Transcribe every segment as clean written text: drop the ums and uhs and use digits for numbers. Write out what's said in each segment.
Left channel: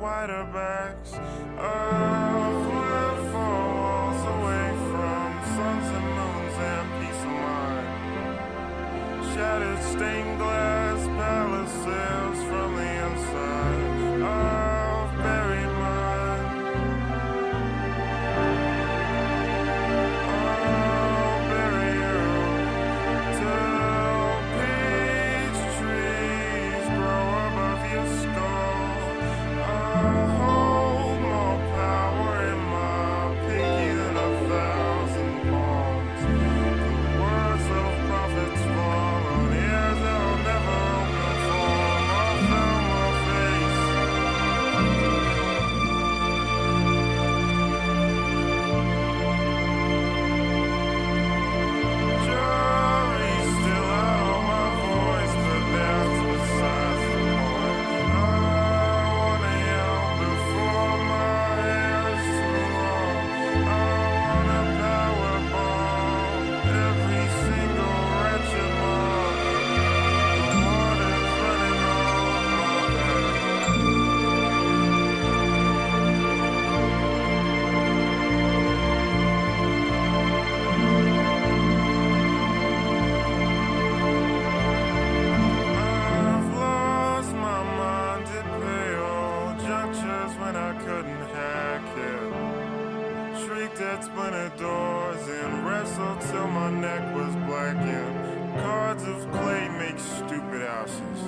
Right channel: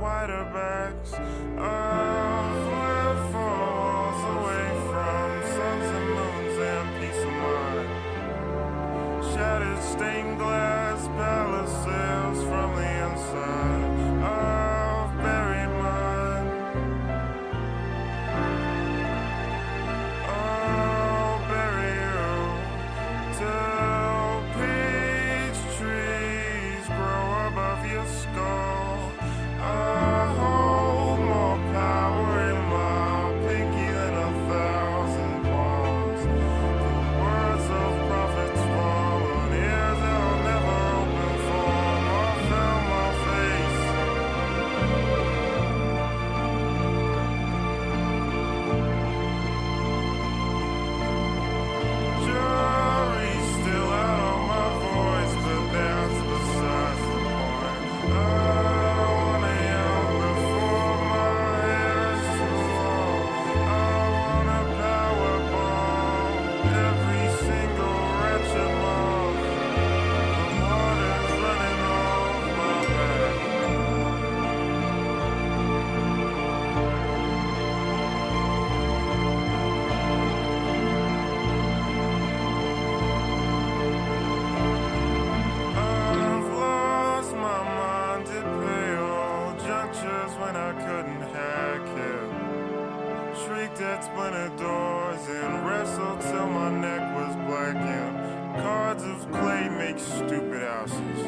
wider backs of lived four walls away from suns and moons and peace of mind. Shattered stained glass palaces from the inside of buried mind. I'll bury you till peach trees grow above your skull. I hold more power in my pinky than 1,000 palms. The words of prophets fall on ears that'll never open for. I found my face. Jury's still out on my voice, but that's besides the point. I wanna yell before my hair's too long. I wanna powerbomb every single wretched moth. The water's running off my back. I've lost my mind at pale junctures when I couldn't hack it. Shrieked at splintered doors and wrestled till my neck was blackened. Cards of clay make stupid houses.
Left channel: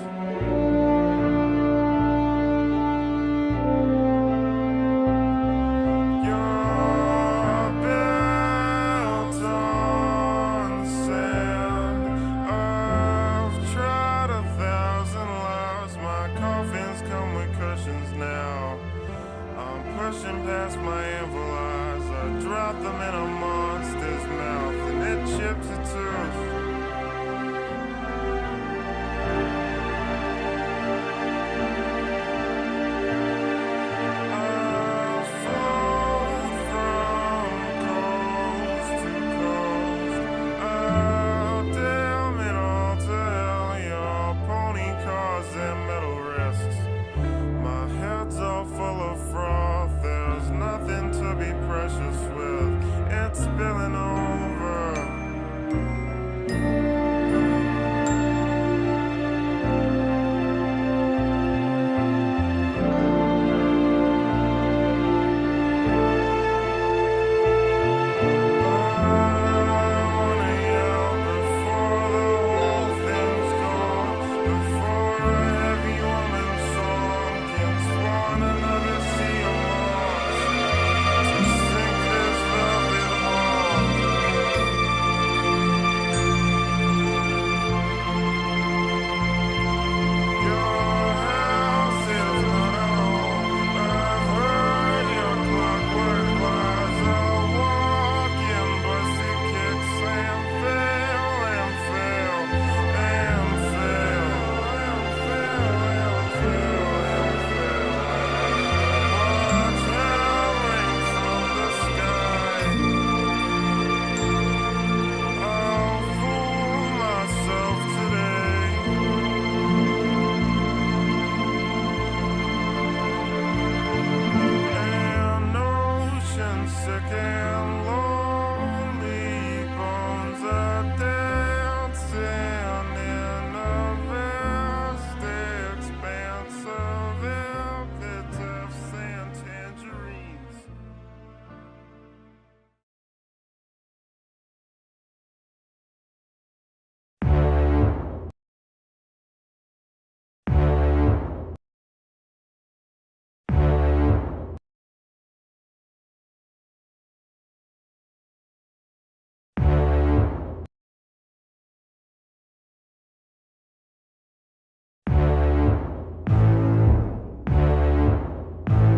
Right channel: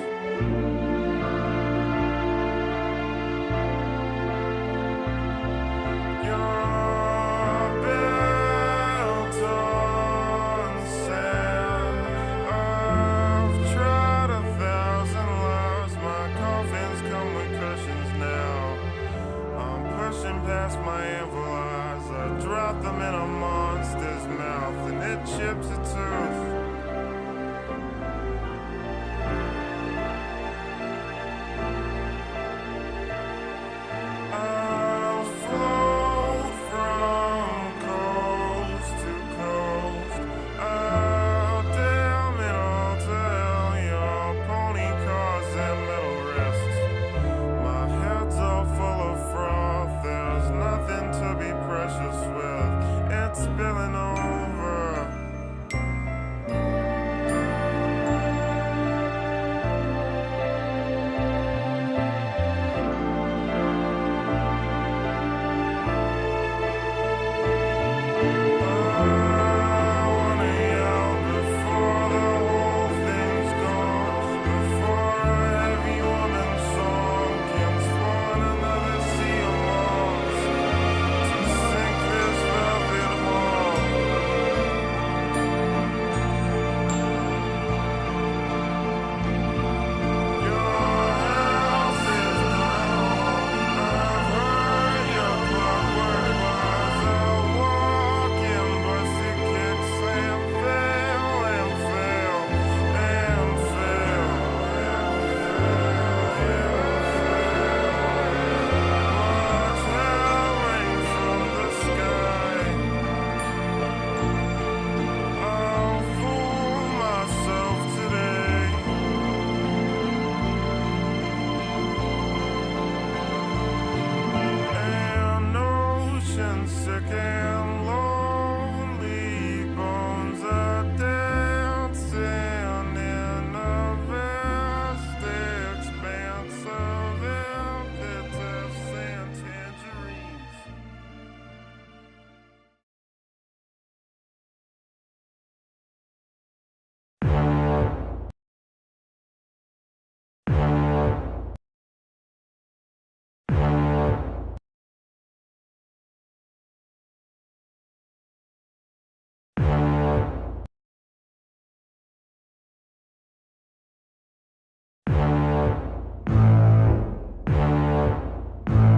You're built on sand. I've tried 1,000 lives. My coffins come with cushions now. I'm pushing past my anvil eyes. I drop them in a monster's mouth and it chips a tooth. I'll float from coast to coast. I'll damn it all to hell, your pony cars and metal wrists. My head's all full of froth, there's nothing to be precious with. It's spilling over. I wanna yell before the whole thing's gone, before a heavy woman's song can spawn another sea of moths to sink this velvet wall. Your house is not a home. I've heard your clockwork lies. I'll walk in busted kicks and fail and fail and fail. Watch hell rain from the sky. I'll fool myself today. An ocean sick and lonely bones are dancing in a vast expanse of epitaphs and tangerines.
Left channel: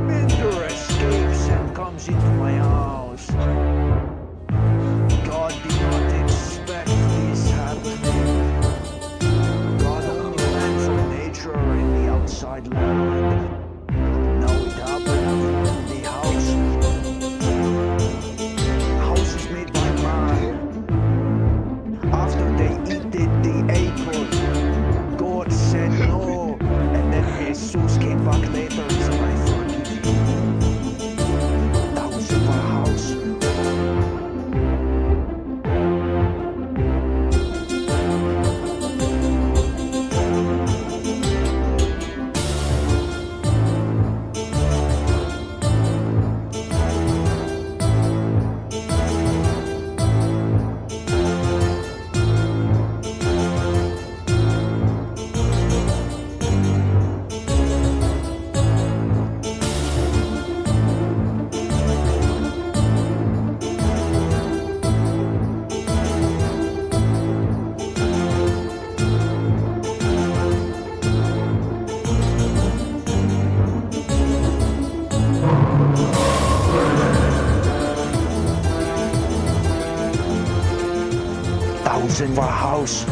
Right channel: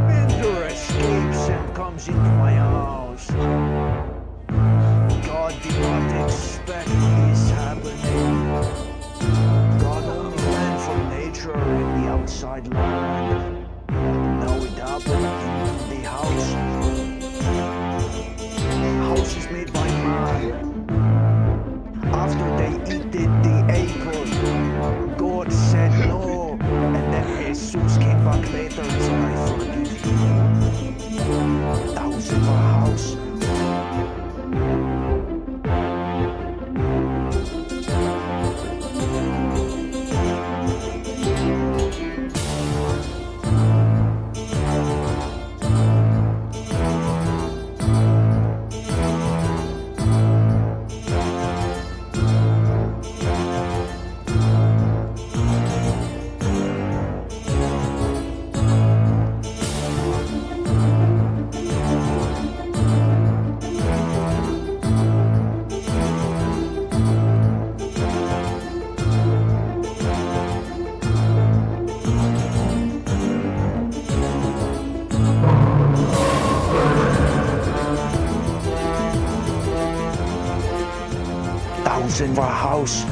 Bender escapes and comes into my house. God did not expect this happening. God only planned for nature in the outside land. Now it happened in the house. House is made by man. After they eat the apple, God said no, and then Jesus came back later, so I thought thousand for a house,